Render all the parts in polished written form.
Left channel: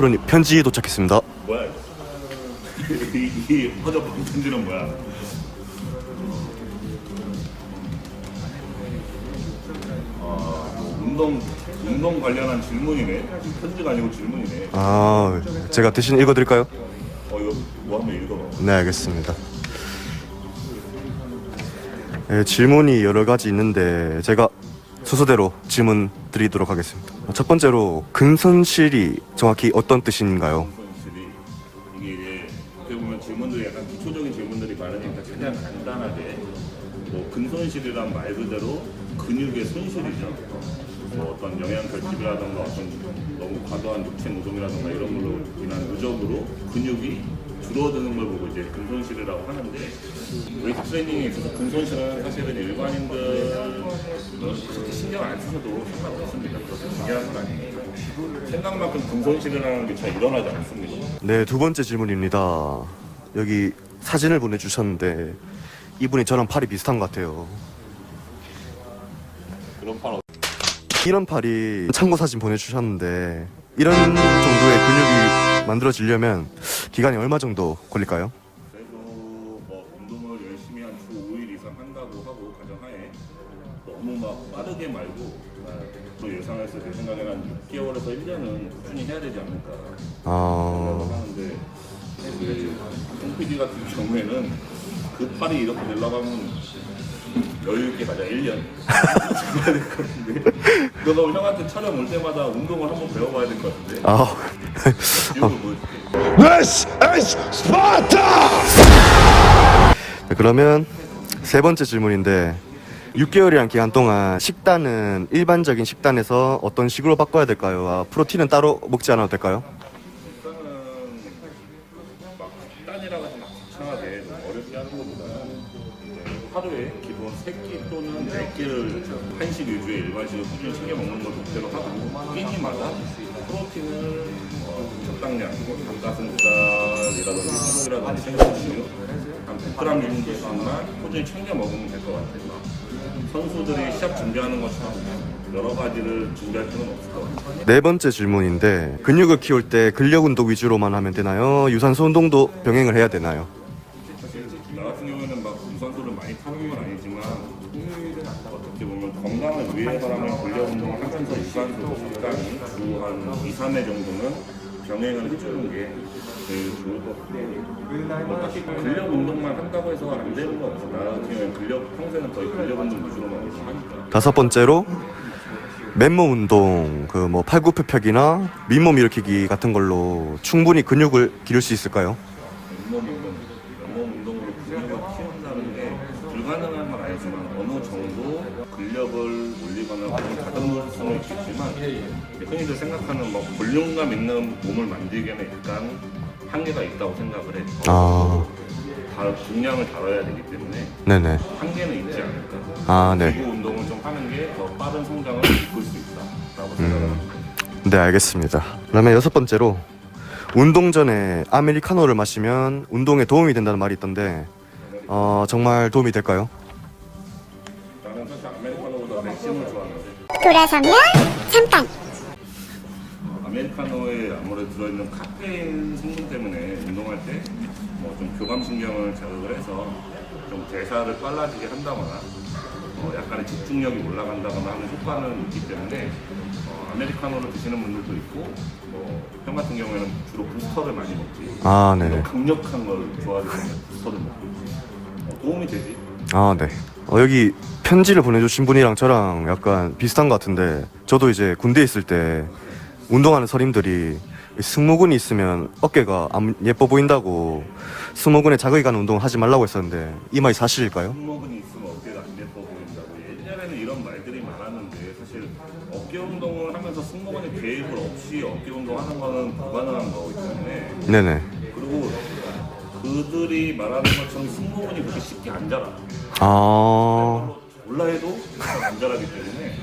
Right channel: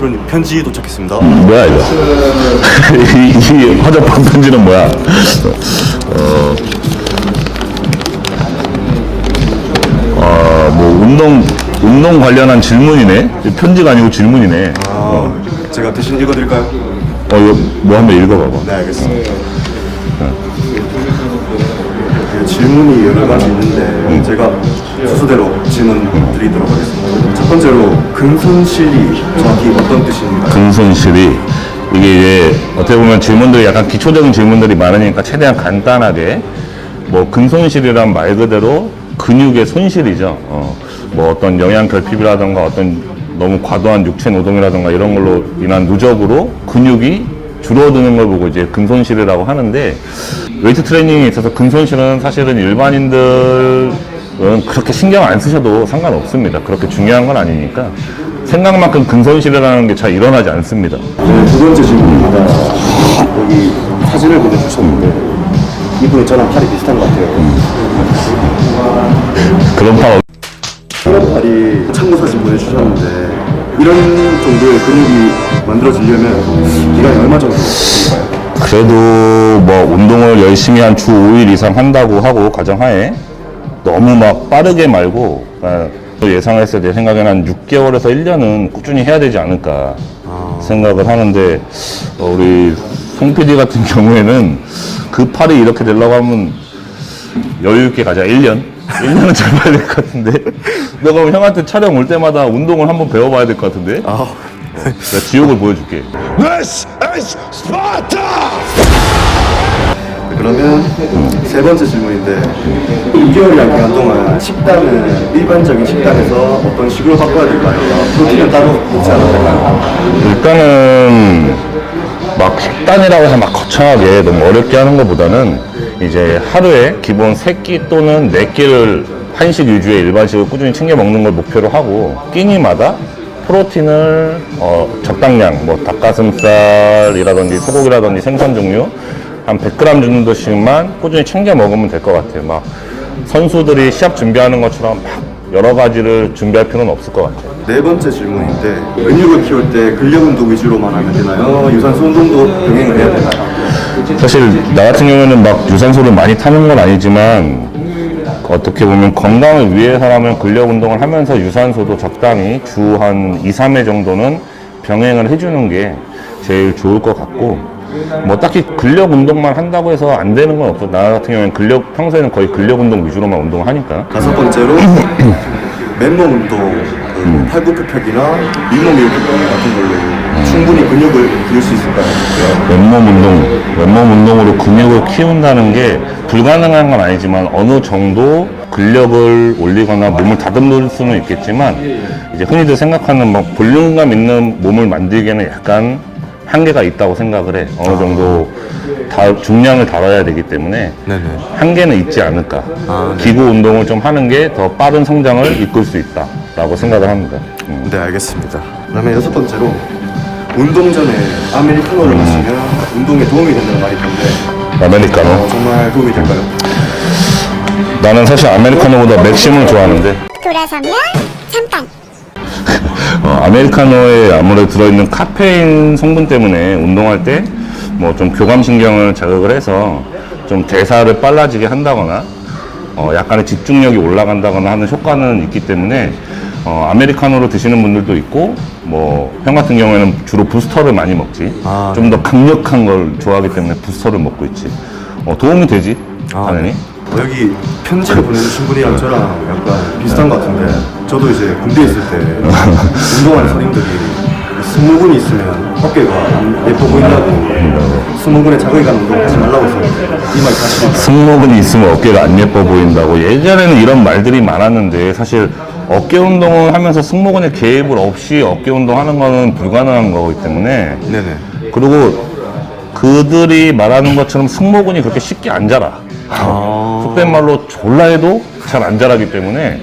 프로님 편지 도착했습니다. 뭐야 이거? 이 허접한 편지는 뭐야? 뭐 운동 관련한 질문이네. 편지가 아니고 질문이네. 아, 제가 대신 읽어드릴까요? 이거 뭐 한번 읽어봐봐. 네, 알겠습니다. 네, 질문이 여러 가지 있는데 제가 순서대로 질문 드리도록 하겠습니다. 첫 번째로 근손실이 정확히 어떤 뜻인가요? 근손실이 이게 이제 어떻게 보면 질문들이 약간 기초적인 질문들이 많으니까 최대한 간단하게 뭐 근손실이란 말 그대로 근육의 손실이죠. 뭐 어떤 영양 결핍이라든가 어떤 너무 과도한 육체 노동이라든가 이런 걸로 인한 누적으로 근육이 줄어드는 걸 보고 이제 근손실이라고 하는데, 웨이트 트레이닝에 있어서 근손실은 사실은 일반인들은 그렇게 신경 안 쓰셔도 상관없습니다. 그렇게 중요한 건 아니니까 생각만큼 근손실이라는 게 잘 일어나지 않습니다. 네, 두 번째 질문입니다. 여기 사진을 보내주셨는데 이분이 저랑 팔이 비슷한 것 같아요. 그런 팔 이런 팔이 참고 사진 보내주셨는데 이런 정도의 근육이 만들어지려면 기간이 얼마 정도 걸릴까요? 그래도 뭐 운동을 열심히 한 주 5일 이상 한다고 하고 가정하에 너무 막 빠르게 말고 예상했을 때 생각에는 한 6개월에서 1년은 꾸준히 해야 되지 않을까 생각을 하는데, 우리 송 PD 같은 경우에는 그 팔이 이렇게 되려고 하면 여유 있게 가자. 1년은 잡아야 될 것 같은데. 내가 형한테 촬영 올 때마다 운동을 한번 배워봐야 될 것 같은데. 내가 지옥을 보여줄게. This is Sparta! 그러면 세 번째 질문인데 6개월이란 기간 동안 식단은 일반적인 식단에서 어떤 식으로 바꿔야 될까요? 프로틴은 따로 먹지 않아도 될까요? 일단은 막 식단이라고 해서 막 거창하게 너무 어렵게 하는 것보다는 이제 하루에 기본 3끼 또는 4끼를 한식 위주의 일반식을 꾸준히 챙겨 먹는 걸 목표로 하고, 끼니마다 프로틴을 적당량, 뭐 닭가슴살이라든지 소고기라든지 생선 종류 한 100g 정도씩만 꾸준히 챙겨 먹으면 될 것 같아요. 막 선수들이 시합 준비하는 것처럼 막 여러 가지를 준비할 필요는 없을 것 같아요. 네 번째 질문인데 근육을 키울 때 근력 운동 위주로만 하면 되나요? 유산소 운동도 병행을 해야 되나요? 사실 나 같은 경우에는 막 유산소를 많이 타는 건 아니지만 어떻게 보면 건강을 위해서라면 근력 운동을 하면서 유산소도 적당히 주 한 2, 3회 정도는 병행을 해주는 게 제일 좋을 것 같고, 뭐 딱히 근력 운동만 한다고 해서 안 되는 건 없어. 나 같은 경우에는 평소에는 거의 근력 운동 위주로만 운동을 하니까. 다섯 번째로 맨몸 운동, 뭐 팔굽혀펴기나 윗몸 일으키기 같은 걸로 충분히 근육을 기를 수 있을까요? 맨몸 운동으로 근육을 키운다는 게 불가능한 건 아니지만 어느 정도 근력을 올리거나 몸을 다듬을 수는 있겠지만, 이제 흔히들 생각하는 막 볼륨감 있는 몸을 만들기에는 약간 한계가 있다고 생각을 해. 어느 정도 중량을 다뤄야 되기 때문에 네네. 한계는 있지 않을까. 네. 기구 운동을 좀 하는 게 더 빠른 성장을 이끌 수 있다라고 생각을 합니다. 네, 알겠습니다. 그다음에 여섯 번째로 운동 전에 아메리카노를 마시면 운동에 도움이 된다는 말이 있던데 아메리카노. 정말 도움이 될까요? 나는 사실 아메리카노보다 맥심을 좋아하는데, 돌아서면 잠깐. 아메리카노에 아무래도 들어있는 카페인 성분 때문에 운동할 때 뭐 좀 교감신경을 자극을 해서 좀 대사를 빨라지게 한다거나 약간의 집중력이 올라간다거나 하는 효과는 있기 때문에 아메리카노로 드시는 분들도 있고, 뭐 형 같은 경우에는 주로 부스터를 많이 먹지. 좀 더 강력한 걸 좋아하기 때문에 부스터를 먹고 있지. 도움이 되지. 당연히. 네. 여기 편지를 보내주신 분이랑 저랑 약간 비슷한 것 같은데, 저도 이제 군대에 있을 때 운동하는 선임들이 승모근이 있으면 어깨가 안 예뻐 보인다고 승모근에 자극이 가는 운동 하지 말라고 했었는데 이 말이 사실일까요? 승모근이 있으면 어깨가 안 예뻐 보인다고 예전에는 이런 말들이 많았는데, 사실 어깨 운동을 하면서 승모근에 개입을 없이 어깨 운동하는 거는 불가능한 거기 때문에. 네네. 그리고 그들이 말하는 것처럼 승모근이 그렇게 쉽게 안 자라. 속된 말로 졸라 해도 잘 안 자라기 때문에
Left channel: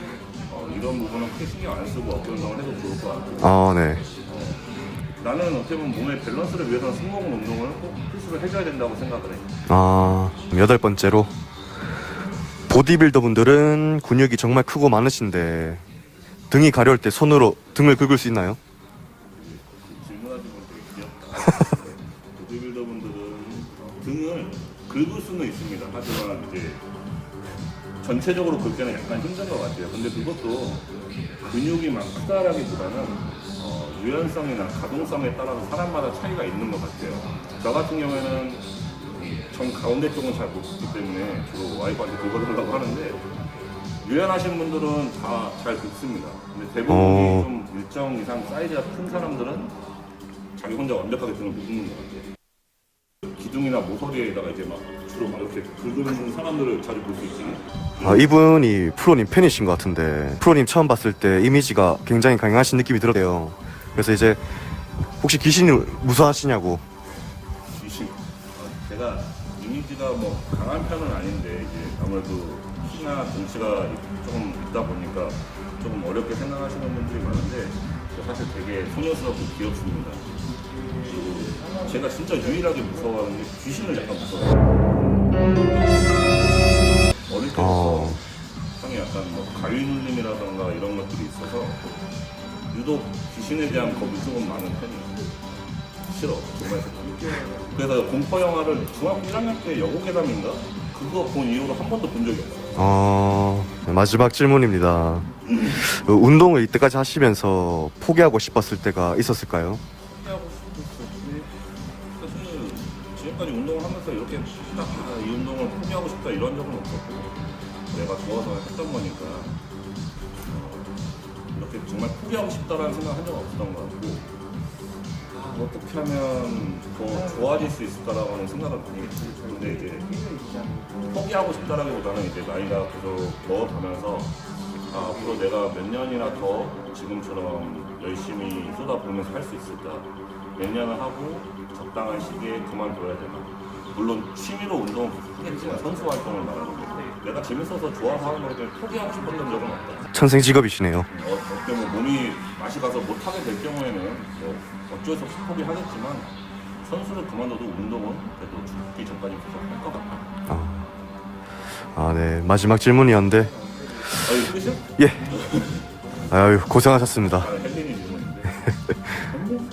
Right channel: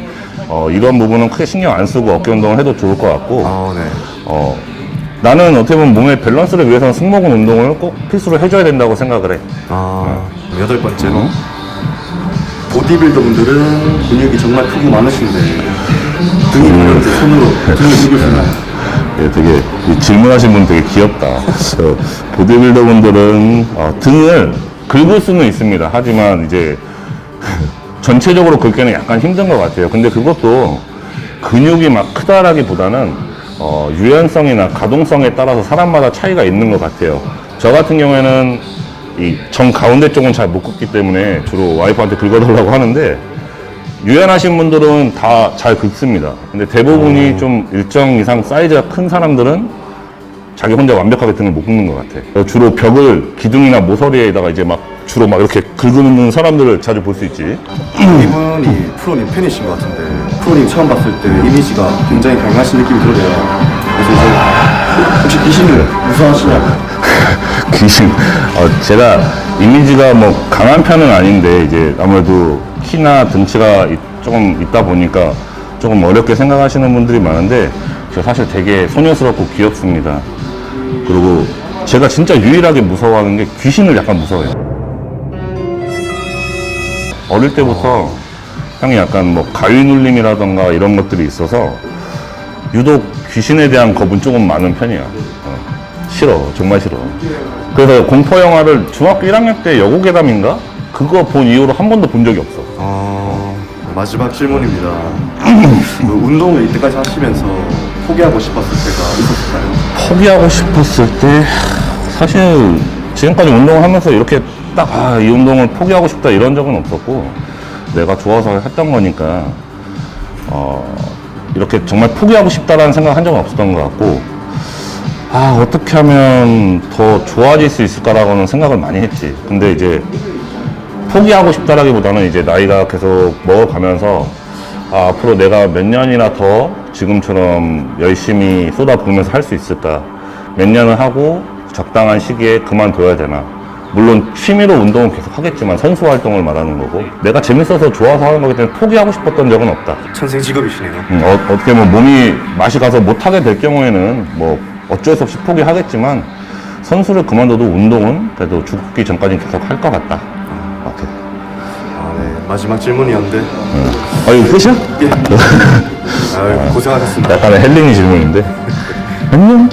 이런 부분은 크게 신경 안 쓰고 어깨 운동을 해도 좋을 것 같고, 네. 나는 어떻게 보면 몸의 밸런스를 위해서는 승모근 운동을 꼭 필수로 해줘야 된다고 생각을 해. 여덟 번째로 보디빌더 분들은 근육이 정말 크고 많으신데 등이 가려울 때 손으로 등을 긁을 수 있나요? 되게 이 질문하신 분 되게 귀엽다. 저 보디빌더 분들은 등을 긁을 수는 있습니다. 하지만 이제 전체적으로 긁기는 약간 힘든 것 같아요. 근데 그것도 근육이 막 크다라기보다는 유연성이나 가동성에 따라서 사람마다 차이가 있는 것 같아요. 저 같은 경우에는 이 정 가운데 쪽은 잘 못 긁기 때문에 주로 와이프한테 긁어달라고 하는데 유연하신 분들은 다 잘 긁습니다. 근데 대부분이 좀 일정 이상 사이즈가 큰 사람들은 자기 혼자 완벽하게 등을 못 긁는 것 같아. 주로 벽을 기둥이나 모서리에다가 이제 막 주로 막 이렇게 긁는 사람들을 자주 볼 수 있지. 이분이 프로님 팬이신 것 같은데 프로님 처음 봤을 때 이미지가 굉장히 강하신 느낌이 들어요. 그래서 이제 혹시 귀신을 무서워하시냐고. 귀신. 제가 이미지가 뭐 강한 편은 아닌데 이제 아무래도 키나 등치가 조금 있다 보니까 조금 어렵게 생각하시는 분들이 많은데 저 사실 되게 소녀스럽고 귀엽습니다. 그리고 제가 진짜 유일하게 무서워하는 게 귀신을 약간 무서워해요. 어릴 때부터 형이 약간 뭐 가위 눌림이라던가 이런 것들이 있어서 유독 귀신에 대한 겁은 조금 많은 편이야. 싫어, 정말 싫어. 그래서 공포 영화를 중학교 1학년 때 여고괴담인가? 그거 본 이후로 한 번도 본 적이 없어. 마지막 질문입니다. 그 운동을 이때까지 하시면서 포기하고 싶었을 때가 있었을까요? 포기하고 싶었을 때 사실 지금까지 운동을 하면서 이렇게 딱 이 운동을 포기하고 싶다 이런 적은 없었고 내가 좋아서 했던 거니까 이렇게 정말 포기하고 싶다라는 생각 한 적은 없었던 것 같고 어떻게 하면 더 좋아질 수 있을까라고는 생각을 많이 했지. 근데 이제 포기하고 싶다라기보다는 이제 나이가 계속 먹어가면서 앞으로 내가 몇 년이나 더 지금처럼 열심히 쏟아부으면서 할 수 있을까? 몇 년을 하고 적당한 시기에 그만둬야 되나? 물론 취미로 운동은 계속 하겠지만 선수 활동을 말하는 거고 내가 재밌어서 좋아서 하는 거기 때문에 포기하고 싶었던 적은 없다. 천생 직업이시네요. 어떻게 보면 몸이 맛이 가서 못하게 될 경우에는 뭐 어쩔 수 없이 포기하겠지만 선수를 그만둬도 운동은 그래도 죽기 전까지 계속 할 것 같다. 네. 마지막 질문이었는데. 이거 끝이야? 예. 고생하셨습니다. 약간의 헬링이 질문인데. 안녕.